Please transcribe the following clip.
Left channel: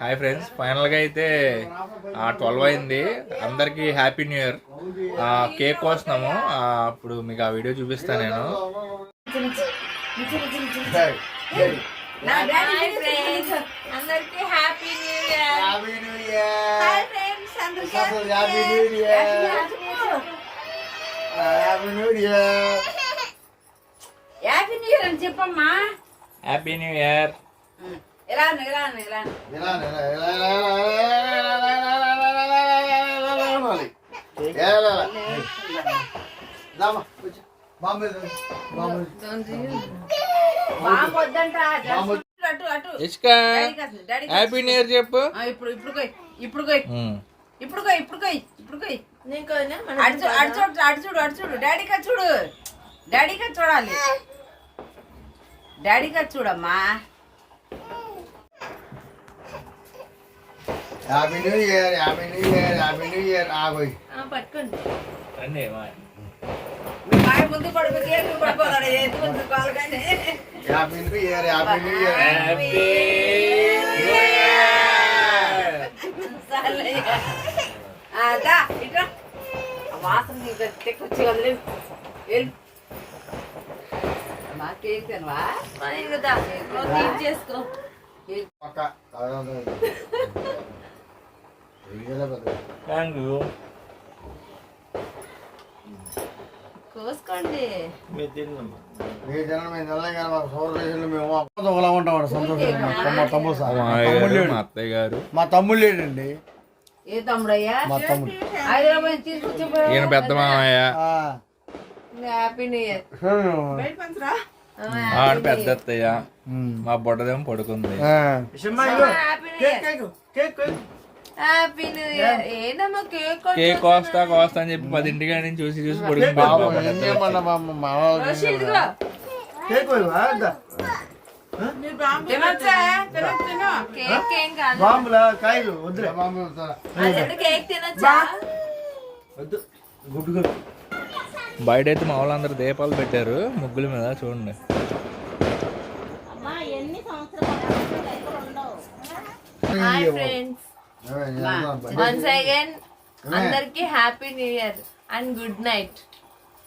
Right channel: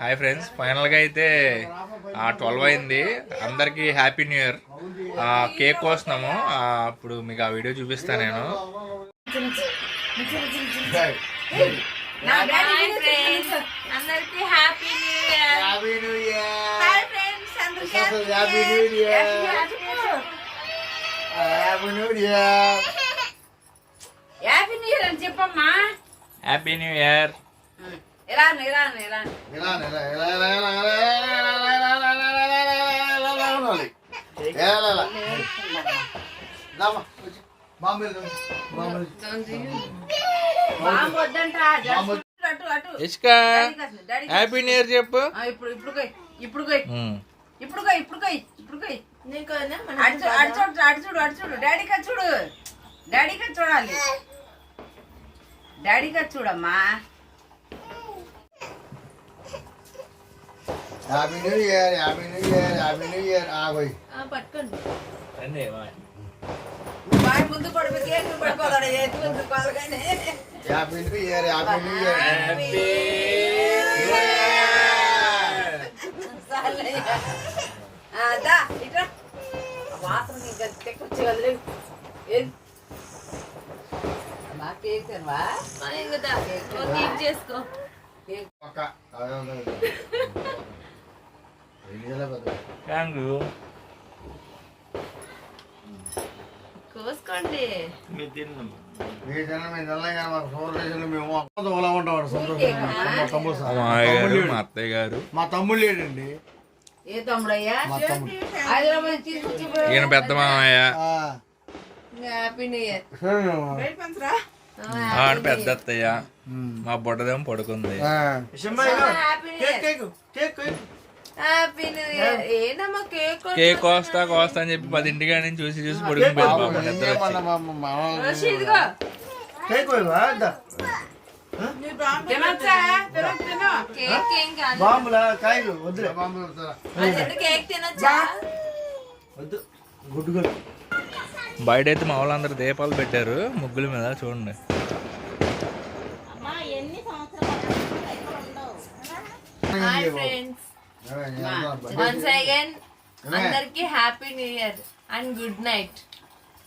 Hi friends, ఫైనల్గా అయితే 12 అయింది. అందరికీ హ్యాపీ న్యూ ఇయర్. కేక్ కోస్తున్నాము. అప్పుడు మీకు ఆ వీడియో చూపిస్తాను నేను. అందరికీ happy new year. Happy new year. Hi friends, అందరికీ happy new year. Happy new year. Happy new year అని చెప్పమ్మా. Happy new year. ఎలా హ్యాపీ న్యూ ఇయర్ చెప్పు. చూడు డాడీగా చూడాలి. డాడీగా చూడమ్మా. Happy new year. Happy new year. Happy new year. పట్టుకోండి. బాయ్ ముందు పడిపోతాడు. Happy new year. Happy new year. ఇట్లా వాసన తెచ్చి వదిలే మా కేక్ తినవా చేసుకో. కోసుకోండి. మా అత్తయ్య గారు, మా తమ్ముడు లేడండి. ఏ తమ్ముడయ్యా? హైదరాబాద్ తీసుకొచ్చి ఈయన పెద్ద మామయ్య. Happy new year. పెద్ద అత్తయ్య. మా బుడ్డదేమో పడుకుంది. కేక్ కోస్తా అని చెప్పి 10 ఇంటికి నుంచి చూసి పడుకుని బయట అయితే మా వాళ్ళందరూ దీపాలు పెట్టారు ముగ్గుల మీద. చూడండి. హాయ్ ఫ్రెండ్స్, వన్స్ అగైన్ అందరికి happy new year and good night.